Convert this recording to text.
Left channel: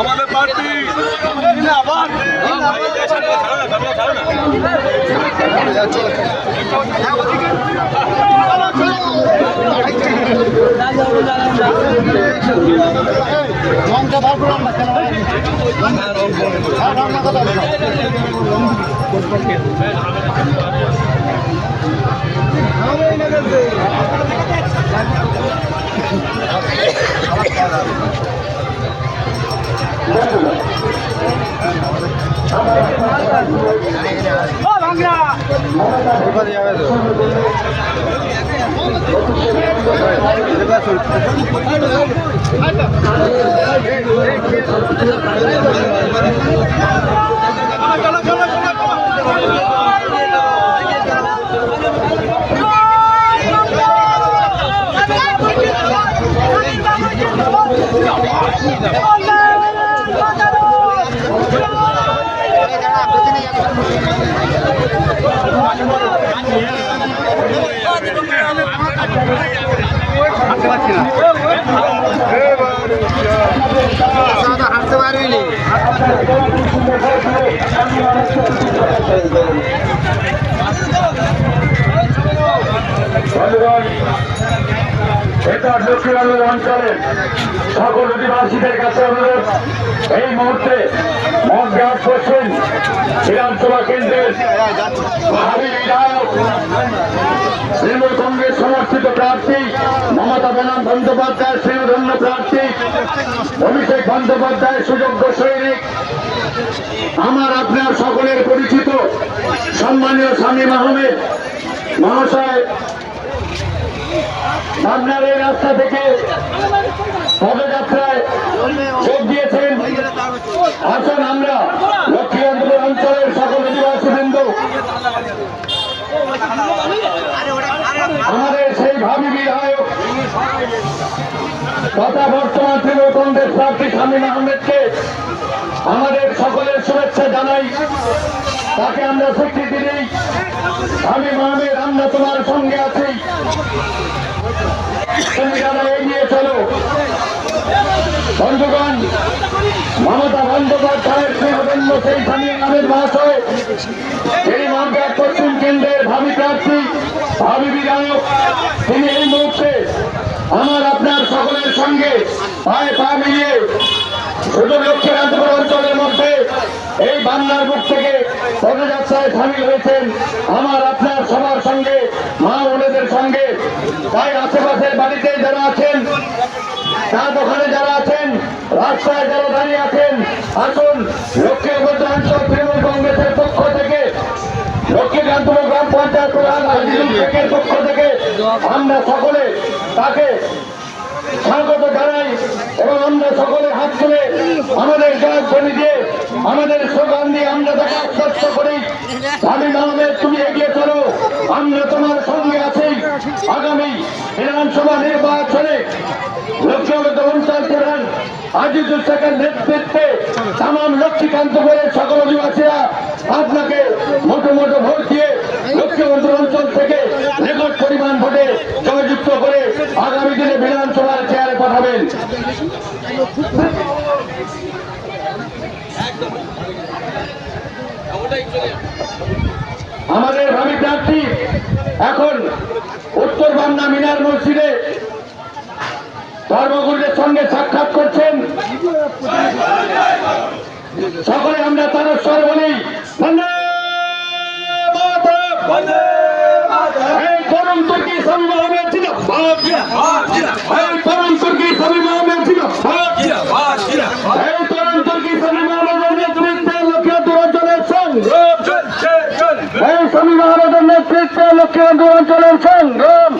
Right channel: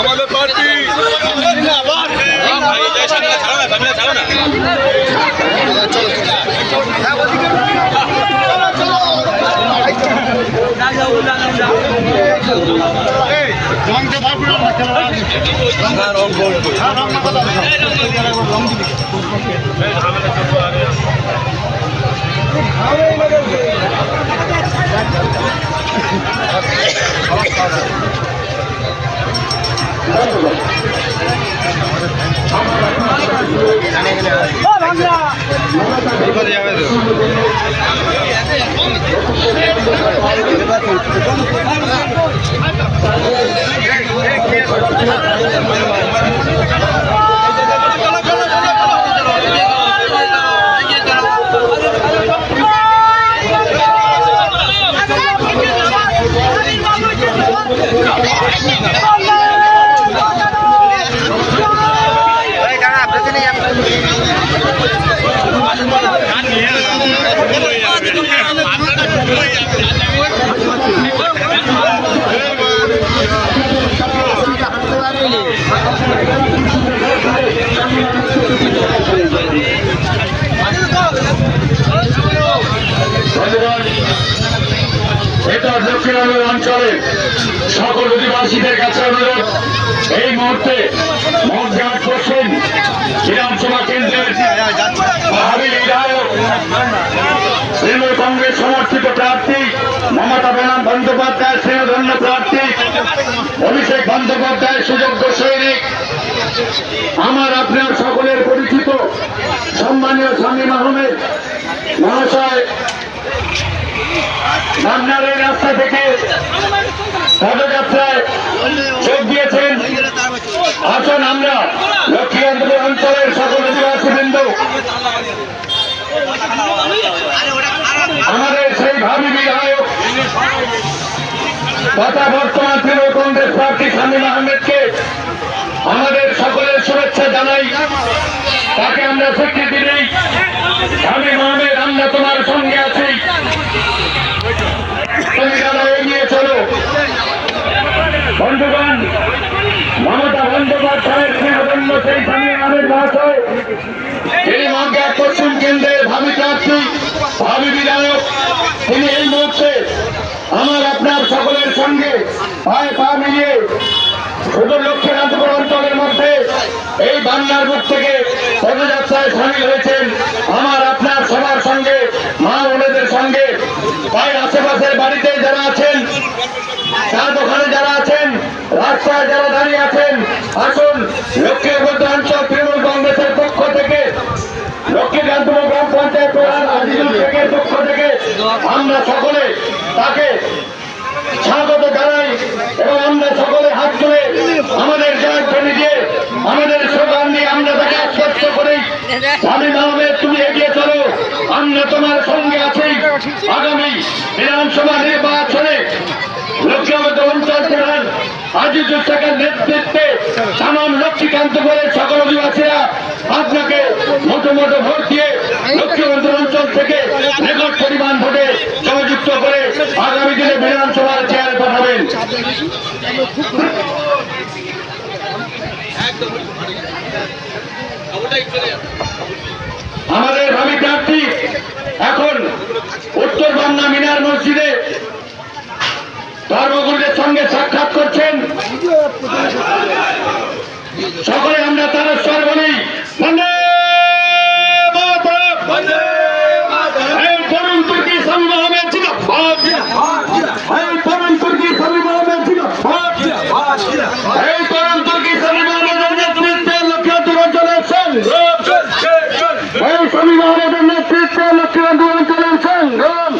আমাদের পার্টি রংটা বার করে আমরা খেলা রং না কথা যাবে তো এটা দক্ষিণাঞ্চল অঞ্চলের সকল অধিবাসীদের কাছে অনুরোধ, এই মুহূর্তে মঠঘাট পশ্চিম বিধানসভা কেন্দ্রের ভাবী বিধায়ক তৃণমূল কংগ্রেস সমর্থিত প্রার্থী মমতা বন্দ্যোপাধ্যায় স্নেহধন্য প্রার্থী অভিষেক বন্দ্যোপাধ্যায় সুযোগ্য সৈনিক, আমার আপনার সকলের পরিচিত সম্মানীয় শামীম আহমেদ মহাশয় পাবনার এই রাস্তা থেকে পদযাত্রায় যোগ দিয়েছেন। আসুন আমরা লক্ষ্মীকান্তপুর অঞ্চলের সকল অধিবাসীবৃন্দ আমাদের সেই ভাবী বিধায়ক তথা বর্তমান তৃণমূল কংগ্রেস প্রার্থী শামীম আহমেদকে আমাদের সকলের শুভেচ্ছা জানাই, তাকে আমরা স্বীকৃতি দিই। শামীম আহমেদ, আমরা তোমার সঙ্গে আছি, তুমি যারা এগিয়ে চলো। বন্ধুগণ, মমতা বন্দ্যোপাধ্যায়ের স্নেহধন্য সেই শামীম আহমেদ মহাশয়, এই মঠঘাট পশ্চিম কেন্দ্রের ভাবী প্রার্থী ভাবী বিধায়ক, তিনি এই মুহূর্তে আমার আপনার সকলের সঙ্গে পায়ে পা মিলিয়ে শুধু লক্ষ্মীকান্তপুর অঞ্চলের মধ্যে এই বান্নার বুক থেকে পদযাত্রায় সামিল হয়েছেন। আমার আপনার সবার সঙ্গে, মা বোনেদের সঙ্গে, তাই আশেপাশের বাড়িতে যারা আছেন, চা দোকানে যারা আছেন, রাস্তায় যারা দাঁড়িয়ে আছেন, আসুন লক্ষ্মীকান্তপুর অঞ্চল তৃণমূল কংগ্রেসের পক্ষ থেকে, লক্ষ্মীকান্তপুর গ্রাম পঞ্চায়েত প্রধান আজিজুল শেখের পক্ষ থেকে আমরা সকলে তাকে স্বাগত জানাই এবং আমরা সকলে হাত তুলে আমাদের জয়ধ্বনি দিয়ে, আমাদের স্লোগান দিয়ে আমরা তাকে আশ্বস্ত করি, শামীম আহমেদ তুমি এগিয়ে চলো, আমরা তোমার সঙ্গে আছি। আগামী বিধানসভা নির্বাচনে লক্ষ্মীকান্তপুর অঞ্চল প্রধান আজিজুল শেখের নেতৃত্বে তামাম লক্ষ্মীকান্তপুরের সকল অধিবাসীরা আপনাকে মোটো ভোট দিয়ে লক্ষ্মীকান্তপুর অঞ্চল থেকে রেকর্ড পরিমাণ ভোটে জয়যুক্ত করে আগামী দিনে বিধানসভার চেয়ারে পাঠাবেন। আমাদের ভাবী প্রার্থী এখন উত্তর বান্না মিনার মসজিদে ধর্মগুরুদের সঙ্গে সাক্ষাৎ করছেন। সকলে আমরা তার স্বর বলি, বন্দে মাতরম, এই তরুণ তুর্কি শামীম আহমেদ জিন্দাবাদ, এই তরুণ তুর্কি শামীম আহমেদ জিন্দাবাদ, এই তরুণ তুর্কি নেতৃত্বে লক্ষ্মীবন্ধু অঞ্চলের সংগ্রাম